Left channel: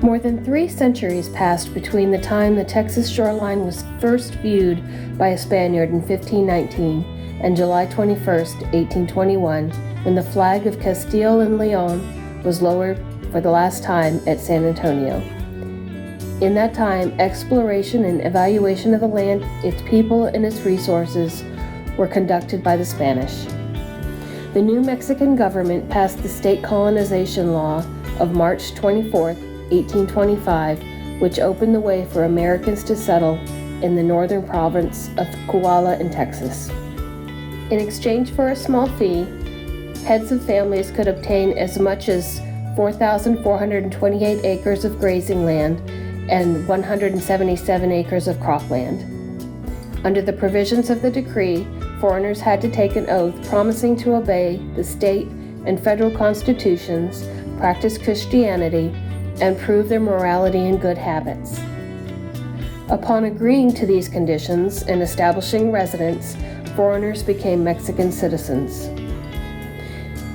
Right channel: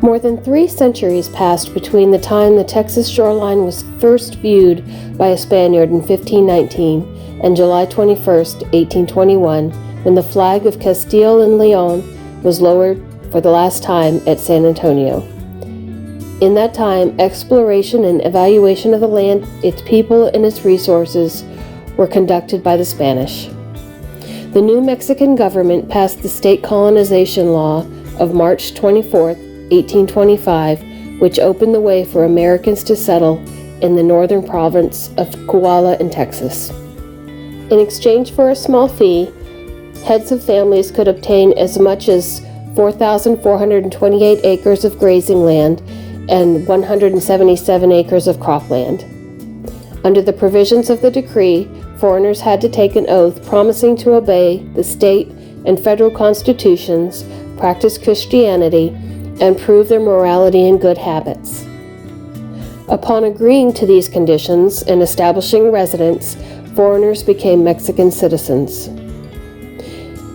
More than 3 centuries passed between the time the Texas shoreline was first viewed by a Spaniard in 1519 and July 21, 1821, when the flag of Castile and Leon was lowered for the last time at San Antonio. In that time, exploration and evaluation of the land, its people, and its resources were conducted by the Spanish. The New Mexican government passed the state colonization law of March 24, 1825, which opened the way for Americans to settle in the northern province of Coryell in Texas. In exchange for a small fee, heads of families could obtain as much as 4,428 acres of grazing land and 177 acres of cropland. Under the provisions of the decree, foreigners had to take an oath promising to obey the state and federal constitutions, practice Christianity, and prove their morality and good habits. Upon agreeing to these conditions and establishing residence, foreigners became Mexican citizens.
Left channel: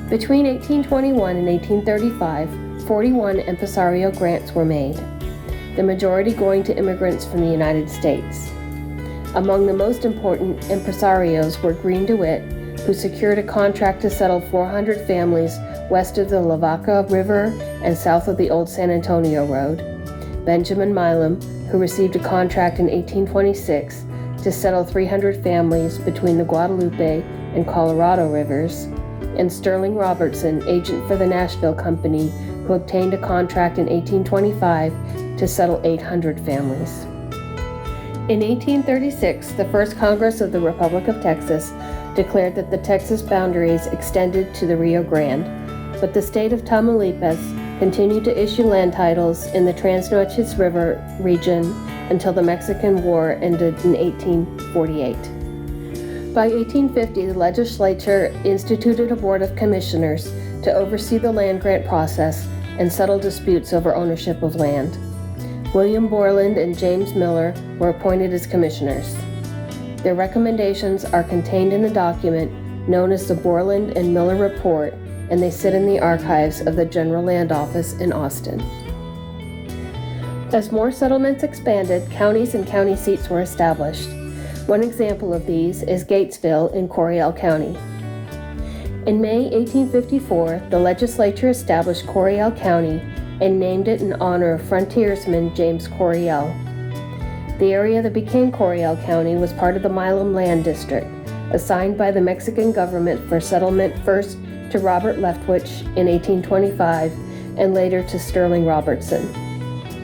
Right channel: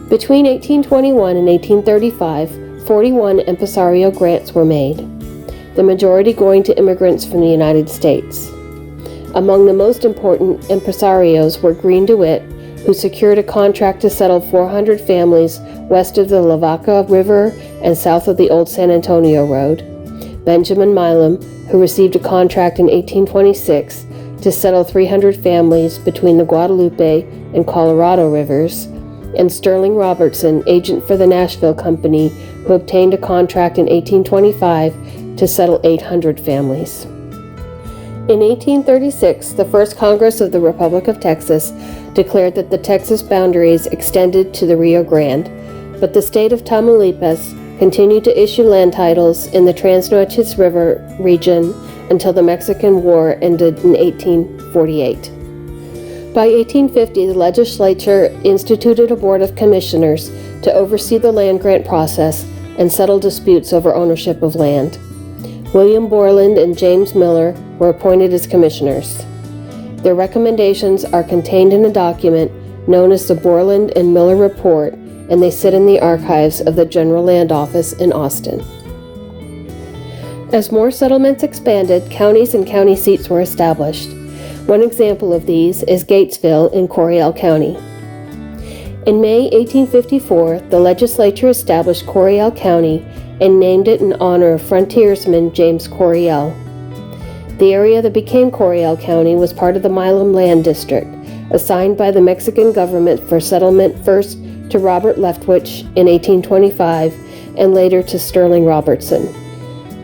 Between 1821 and 1835, 41 impresario grants were made, the majority going to immigrants from the United States. Among the most important impresarios were Green DeWitt, who secured a contract to settle 400 families west of the Lavaca River and south of the old San Antonio Road, Benjamin Milam, who received a contract in 1826 to settle 300 families between the Guadalupe and Colorado rivers, and Sterling Robertson, agent for the Nashville Company, who obtained a contract in 1825 to settle 800 families. In 1836, the First Congress of the Republic of Texas declared that the Texas boundaries extended to the Rio Grande, but the state of Tamaulipas continued to issue land titles in the Trans-Nueces River region until the Mexican War ended in 1848. By 1850, the legislature instituted a board of commissioners to oversee the land grant process and settle disputes over ownership of land. William Borland and James Miller were appointed as commissioners. Their recommendations are contained in a document known as the Borland and Miller Report, and they sit in the archives of the General Land Office in Austin. As more settlements expanded, counties and county seats were established. One example of these is Gatesville in Coryell County. In May 1854, the legislature established Coryell County and named it in honor of frontiersman James Coryell. The area that became Coryell County was part of the Milam Land District, assigned by the Mexican government for settlement first to Robert Leftwich in 1825 and later to Sterling Robertson.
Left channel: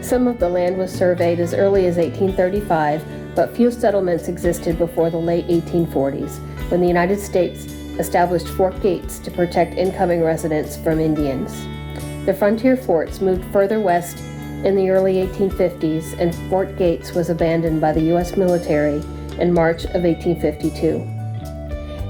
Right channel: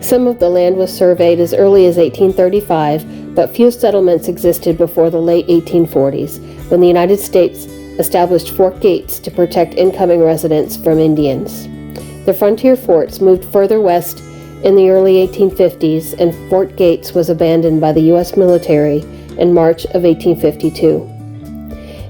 Some of the land was surveyed as early as 1835, but few settlements existed before the late 1840s, when the United States established Fort Gates to protect incoming residents from Indians. The frontier forts moved further west in the early 1850s, and Fort Gates was abandoned by the U.S. military in March of 1852.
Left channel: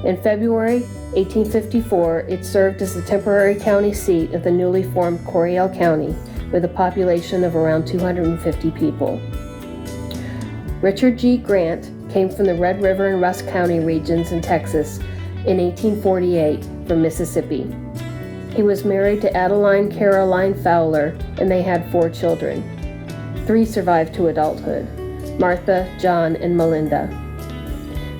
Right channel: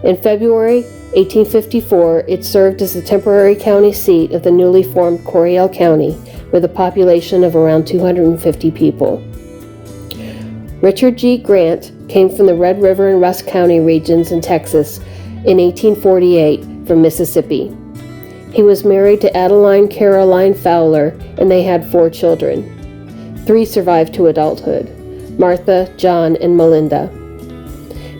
In February 1854, it served as the temporary county seat of the newly formed Coryell County, with a population of around 250 people. Richard G. Grant came from the Red River and Rusk County regions in Texas in 1848 from Mississippi. He was married to Adeline Caroline Fowler, and they had 4 children. 3 survived to adulthood: Martha, John, and Melinda.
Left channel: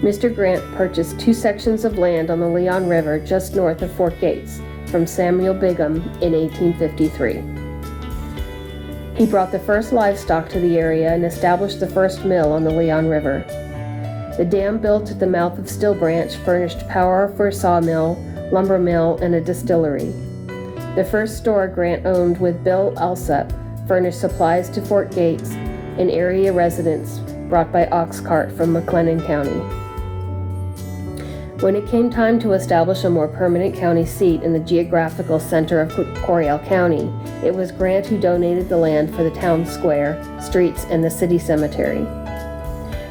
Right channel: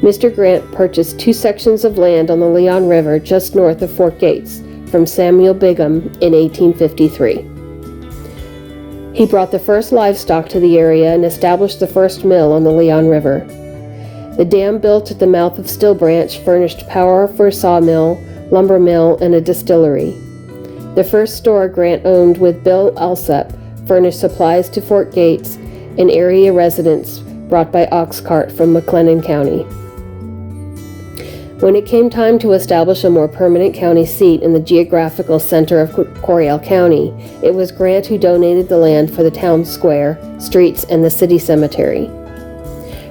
Mr. Grant purchased 2 sections of land on the Leon River just north of Fort Gates from Samuel Bigham in 1853. He brought the first livestock to the area and established the first mill on the Leon River. The dam built at the mouth of Still Branch furnished power for a sawmill, lumber mill, and a distillery. The first store Grant owned with Bill Alsop furnished supplies to Fort Gates and area residents brought by ox cart from McLennan County. When it came time to establish a more permanent county seat in the geographical center of Coryell County, it was Grant who donated the land for the town square, streets, and the city cemetery.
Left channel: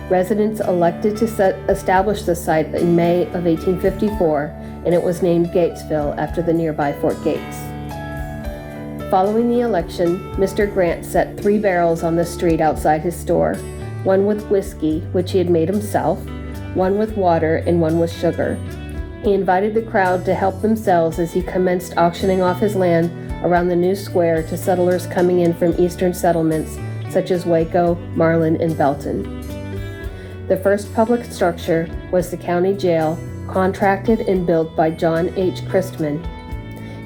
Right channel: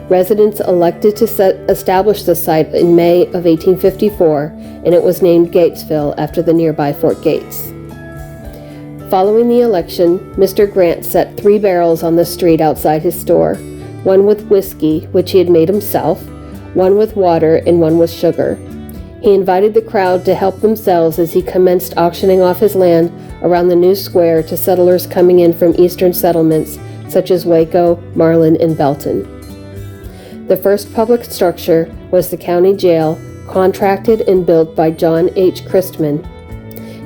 Residents elected to establish the site in May of 1854, and it was named Gatesville after the nearby Fort Gates. Following the election, Mr. Grant set 3 barrels on the street outside his store, one with whiskey, which he had made himself, one with water, and one with sugar. He invited the crowd to help themselves as he commenced auctioning off his land around the new square to settlers coming in from eastern settlements such as Waco, Marlin, and Belton. The first public structure was the county jail, contracted and built by John H. Christman.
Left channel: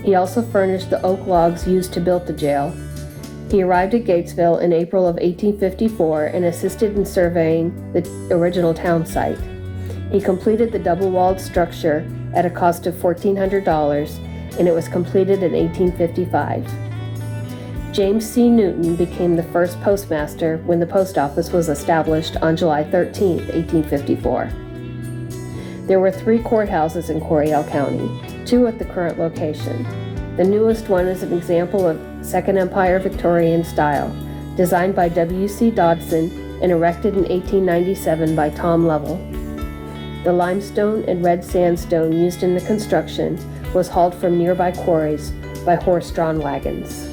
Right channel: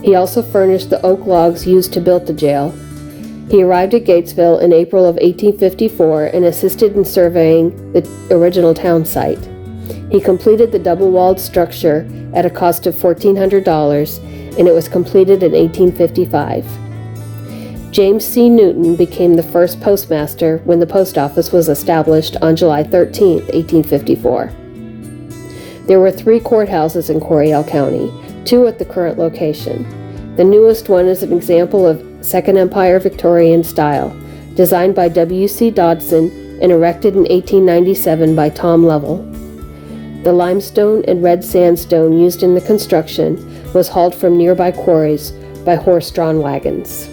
He also furnished the oak logs used to build the jail. He arrived at Gatesville in April of 1854 and assisted in surveying the original town site. He completed the double-walled structure at a cost of $1,400, and it was completed in 1855. James C. Newton became the first postmaster when the post office was established on July 13, 1854. There were 3 courthouses in Coryell County, 2 at the current location. The newest one is an example of Second Empire Victorian style, designed by W.C. Dodson and erected in 1897 by Tom Lovell. The limestone and red sandstone used in the construction was hauled from nearby quarries by horse-drawn wagons.